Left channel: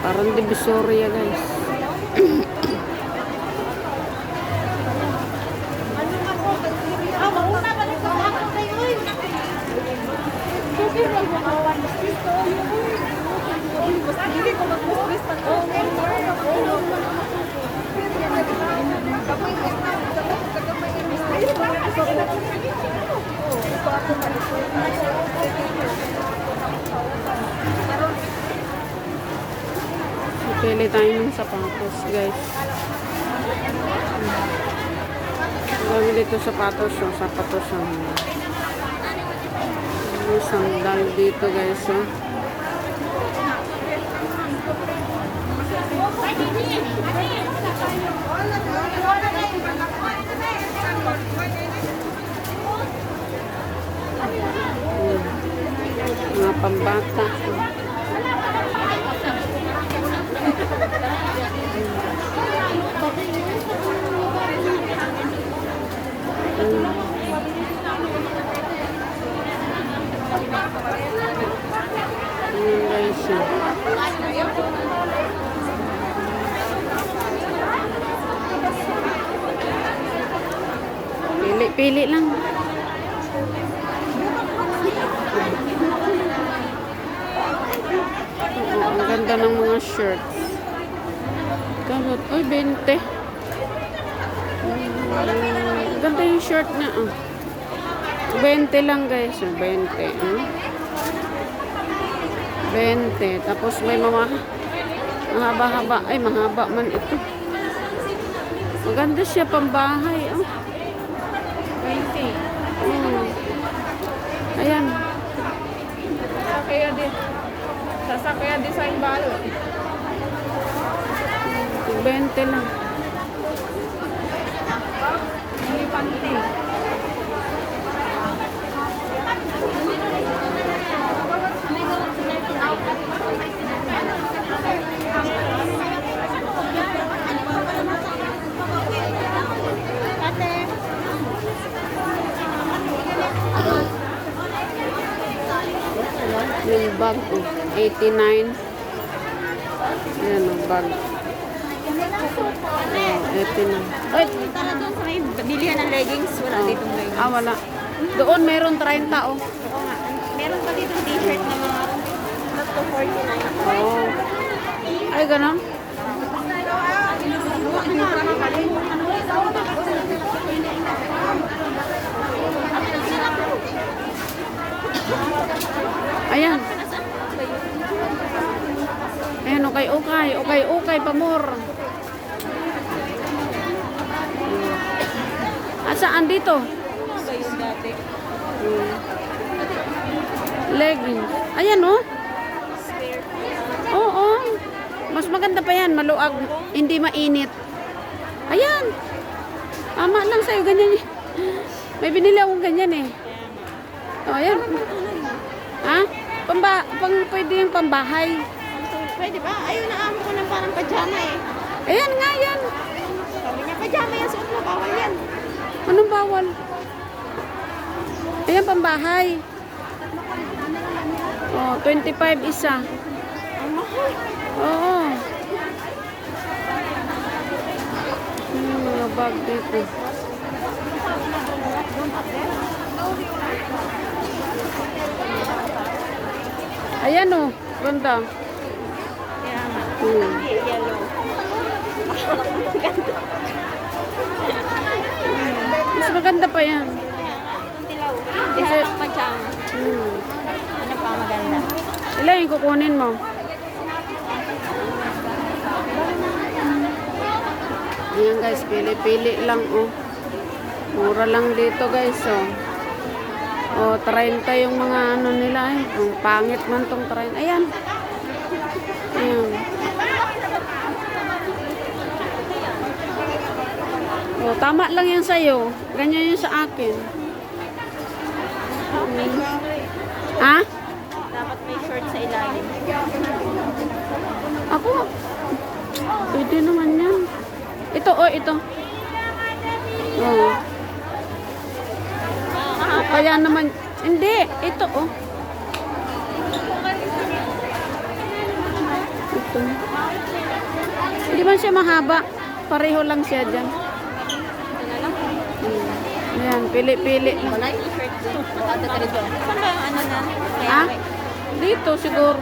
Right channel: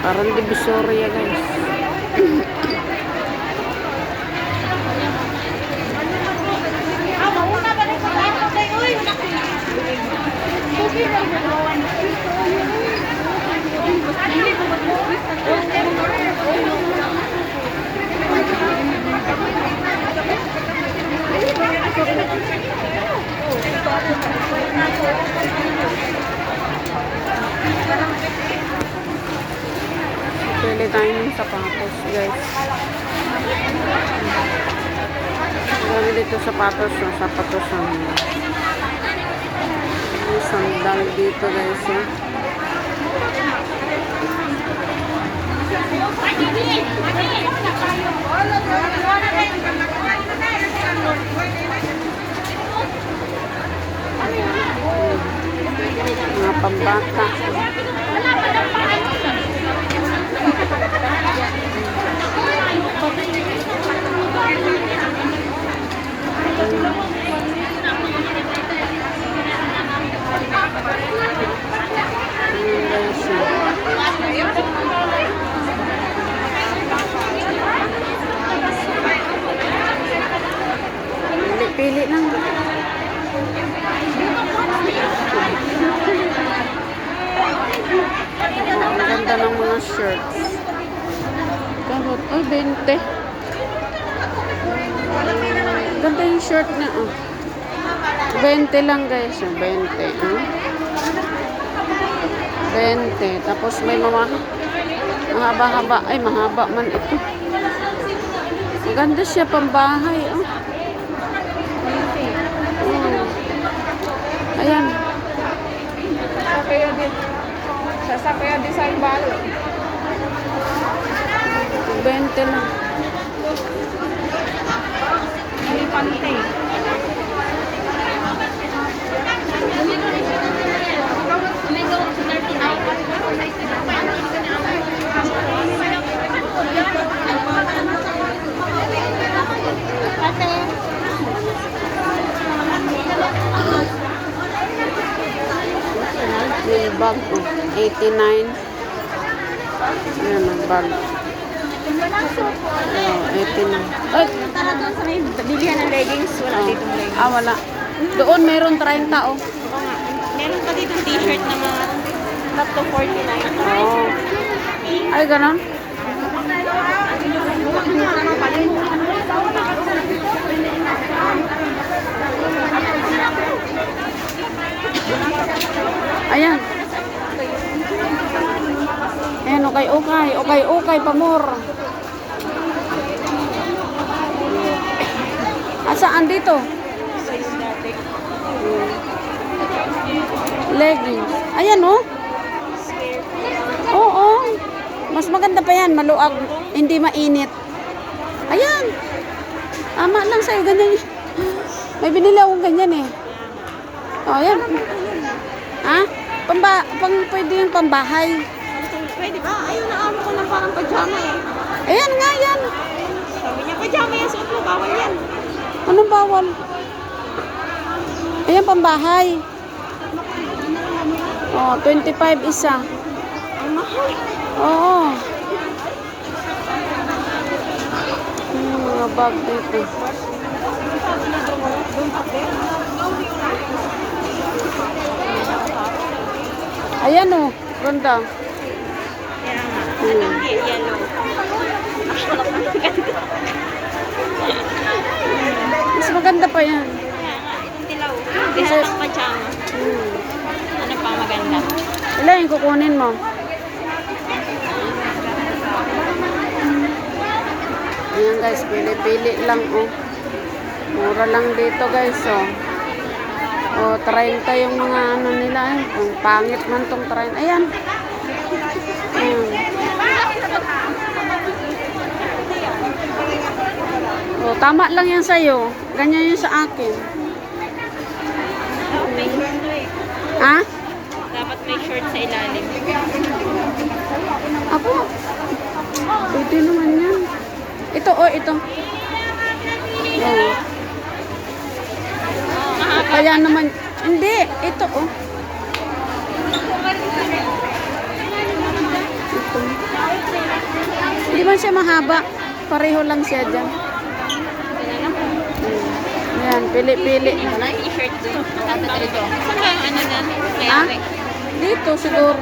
Parang Divisoria, guys. Pili tayo ng sapatos, guys. Gano dito sapatos, yung sapatos ang sandal dito, guys. Mga pambata. Pili lang. Ang ganda ng mga shirts. Ay, 20. Ganda yung shirt na. 20 lang, guys. 20. 20. Tapos may mga mahaba-haba. Ay, mahaba man ito. Ganda siya pambahay. Ayan. Sasakaya design balo. 20 lang. May pantay. Yung bag, 89. Ayan ang bag. 89. Ay! Tara doon sa may bilihan ng leggings. Wala dito ng leggings. Wala. Doon meron 30 oh. Oo nga. Meron pa dito t-shirt na mga up to 49. Oh. Ay, ganon. Ayan. Ayan, okay. Okay, pamor. Asaan dito? Leggings. Ayan, oh. Oo. Mas maganda pa yan. Maluag. Hindi mainit. Ayan. Tama lang sa'yo. Ganyan. May binili akong ganyan eh. O, ayan. Ha? Pwede yung pambahay. Pwede ba? Ayun, naamo ko ng parang pajama eh. Ayan nga yan. Sabi niya, pajama yan. Suot mo, bawal yan. Anong bawal? Ayan, pambahay. Oh, 25 isa. Ang mahal. Oo. Mga bag dito. Ayan oh, ganda. Kaya nga. Yellow. Mas maganda pa yan. Dilaw. Dilaw ng pajama. Ano pa maganda? Ilan yung kukunin mo? Ayan guys, pili-pili lang oh. Mura lang dito guys, oh. Oh, 30 yung mga ano nila. Ang pangit man tong 30. Ayan. Oh, tama lang yan sa'yo. Ganyan yung sa akin. Ha? Dapat may short sa ilalim. Ako, pwede naman yan. Ito, oh, ito. Oh. Kaya naman, hindi, ito, oh. Ito. Hindi man siya mahaba. Pareho lang siya dyan. Yan, pili-pili. Wala yung t-shirt doon. Saan ba yung ano na? Ha? Dito siguro.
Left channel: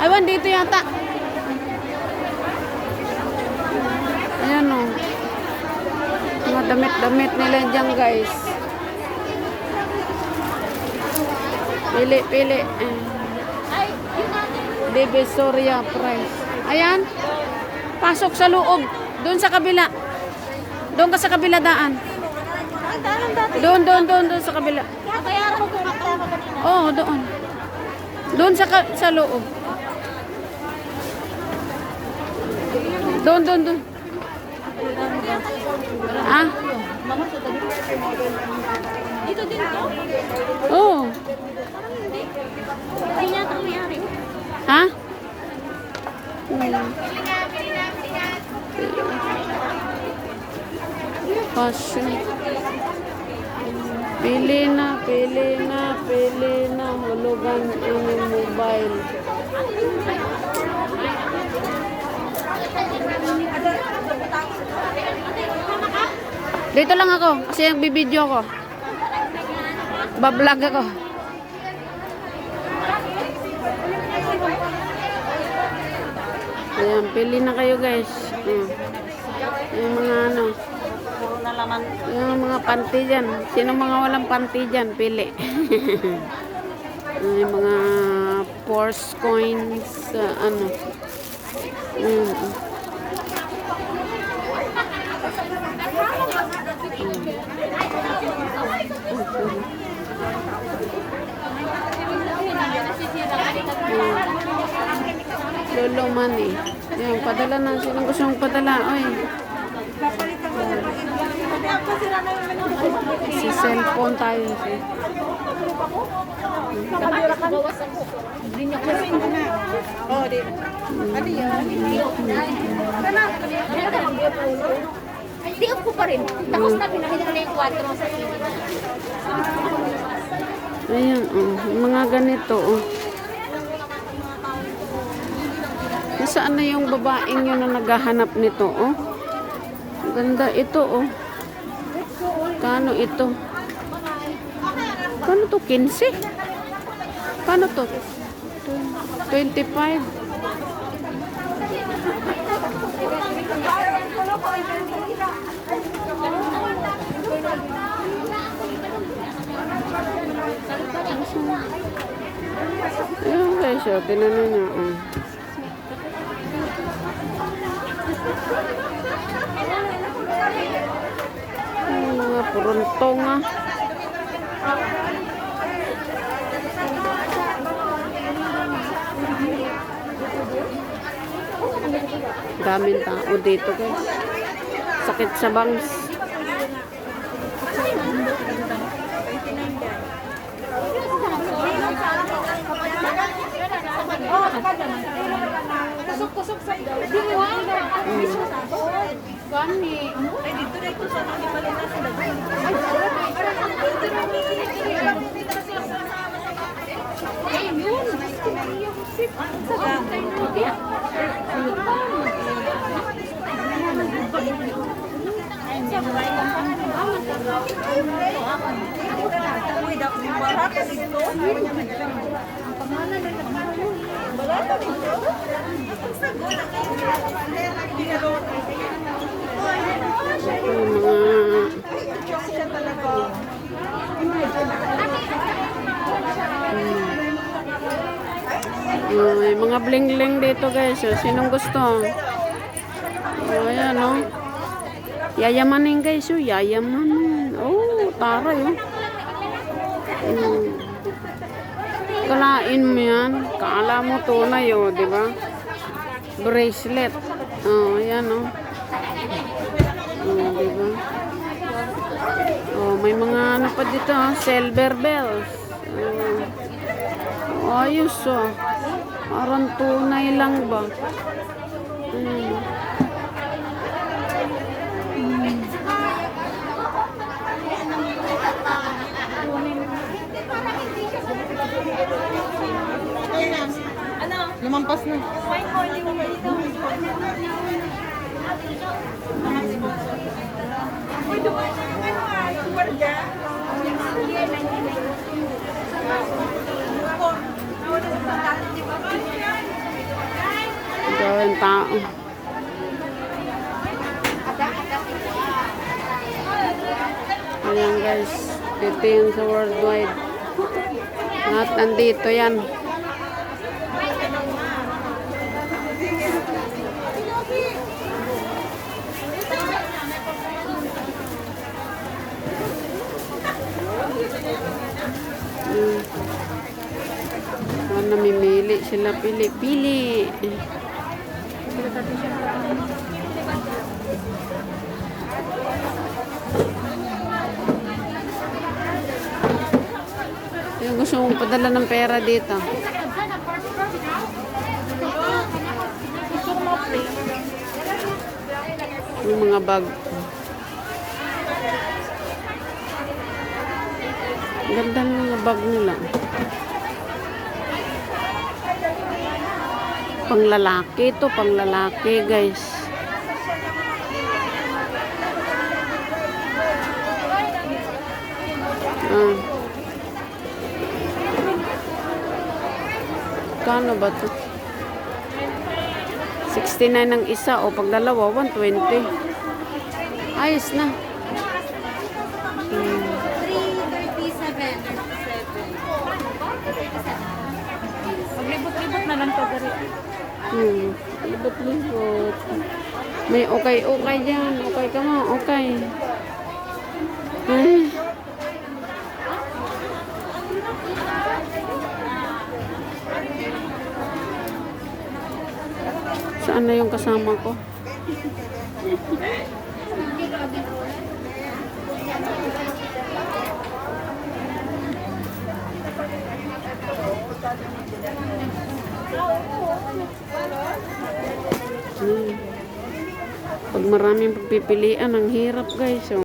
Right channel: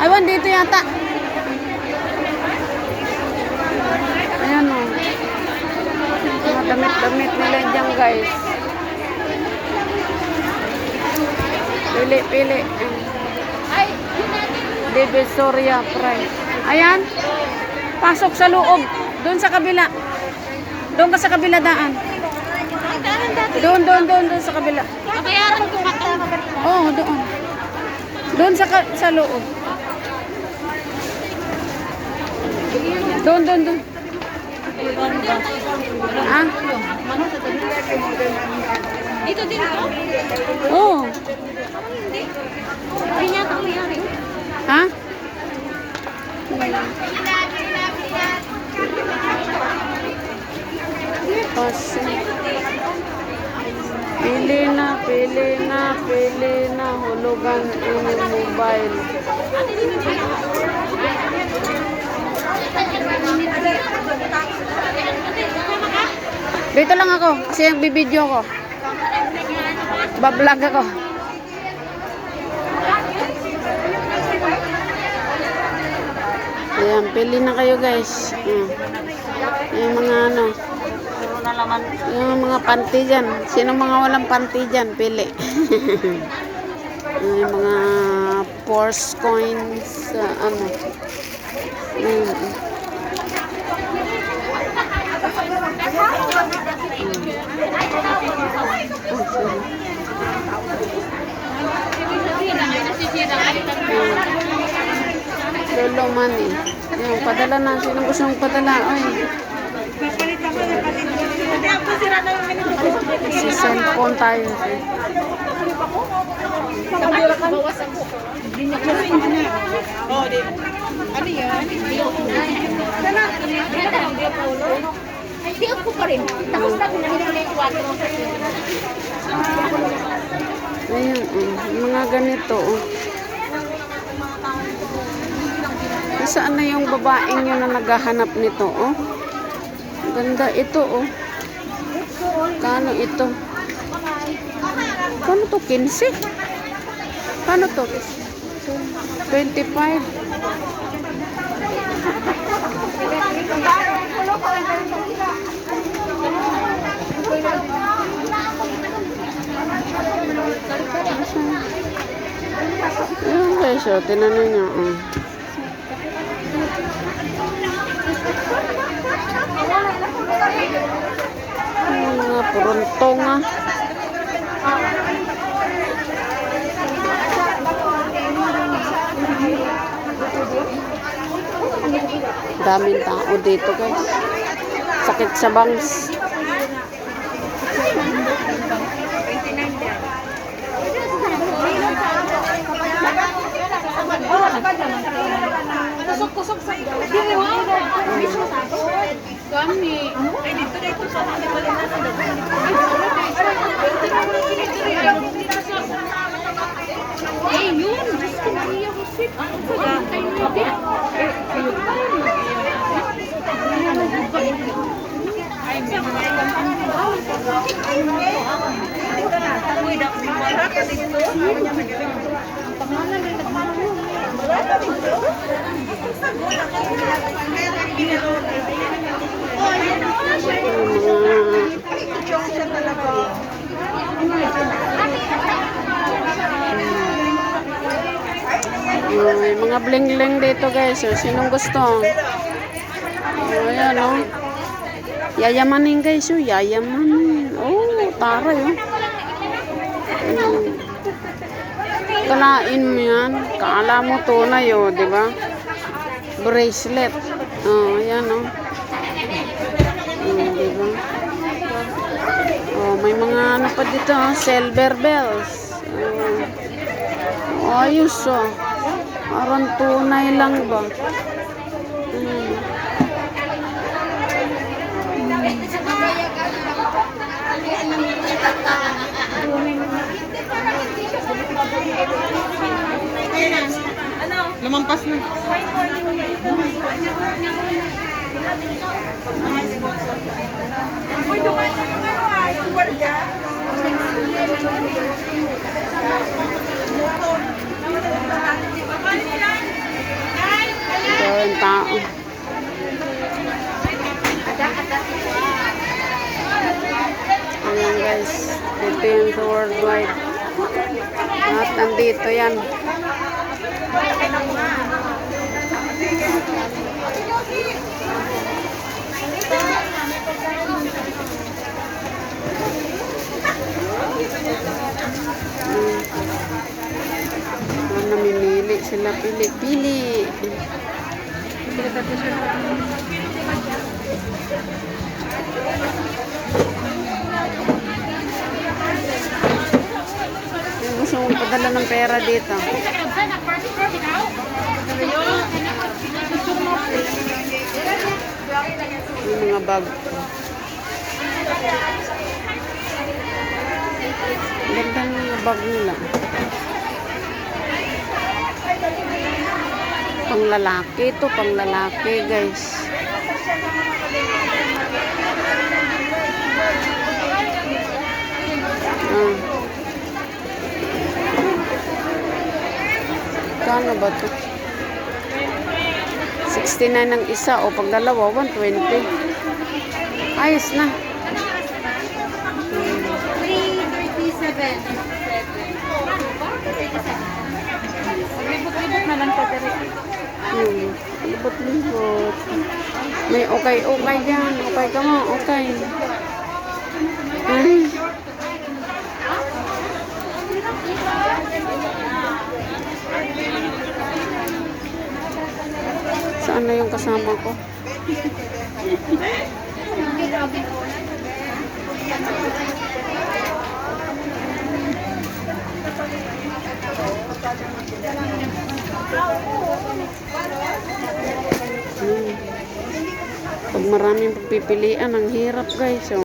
Aywan, dito yata. Ayan o. Mga damit-damit nila dyan guys. Pili-pili. Divisoria price. Ayan. Pasok sa loob. Doon sa kabila. Doon ka sa kabila daan. Doon sa kabila. Kabayaran ko ito. Oo, doon. Doon sa loob. Doon. Ha? Dito din ko? Oo. Ay, yata nangyari. Ha? Kasi pili na hulugan inyong mobile. Dito lang ako kasi nagbibideo ko. Bablog ako. Ayan, pili na kayo guys. Yung mga ano. Puro na laman. Yung mga panty dyan. Sino mga walang panty dyan? Pili. Yung mga Porsche coins. Ano. Lolo money. Yung padala na. Sino gusto mong padala? Ay. Si cellphone tayo. Bawas ako. Ano yan? Hindi ako pa rin. Tapos na pinagin na yung kwarto mo sa Ayan, mga ganito. Saan na yung babaeng yun na naghahanap nito? Oh? Ganda ito. Oh. Kano ito? Kano to? 15? Kano to? 25? Yung presyo, tinanong niya. Oh. Mga puruntong ah. Daming tao dito guys. Sakit sa bangs. Tusok-tusok sa iyo. Dili mo. Mismo sa ako. Kami. Ay, dito sa akin. Malina sa dagat. Eh, yun. Gusto na niya ko sip. Tayo na May mga bling-bling dito guys. So, sinong gusto? Ayan o. Yayamanin guys, oh. Yayamanin. Oh, taray, oh. Kalain mo yan. Kala mo tunay, oh, di ba? Bracelet. Oh, yan, oh. Oh, di ba? Oh, may mga ano pa dito, oh. Silver bells. Oh, ayos, oh. Parang tunay lang ba? Lumampas na. Ayan, tao. Ayan guys, dito yan sa worldwide. At nandito yan. Namimili sila, pili-pili. Yung gusto mong padala ng pera dito. Yung mga bag. Ganda ng mga bag nila. Pang lalaki to, pang lalaki guys. Oh. Kano ba to? 69 ang isa o pag dalawa 120. Ayos na. Libot-libot na lang to dere. Libot-libot. May okay dyan. Okay ka mo. Okay. Saan na yung kasama ko? Pag maraming pagpipilian, ang hirap guys. So,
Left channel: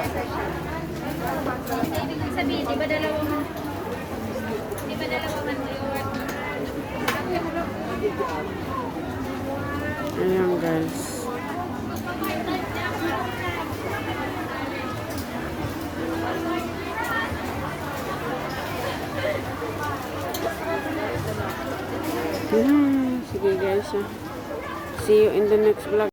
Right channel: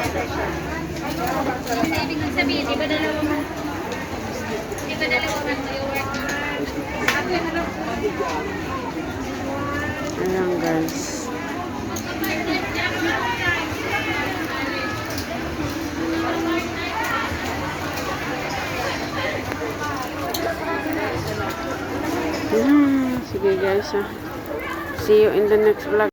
Ibig sabihin, di ba dalawa man? Di ba dalawa man yung work? Ayan guys. Sige guys. See you in the next vlog.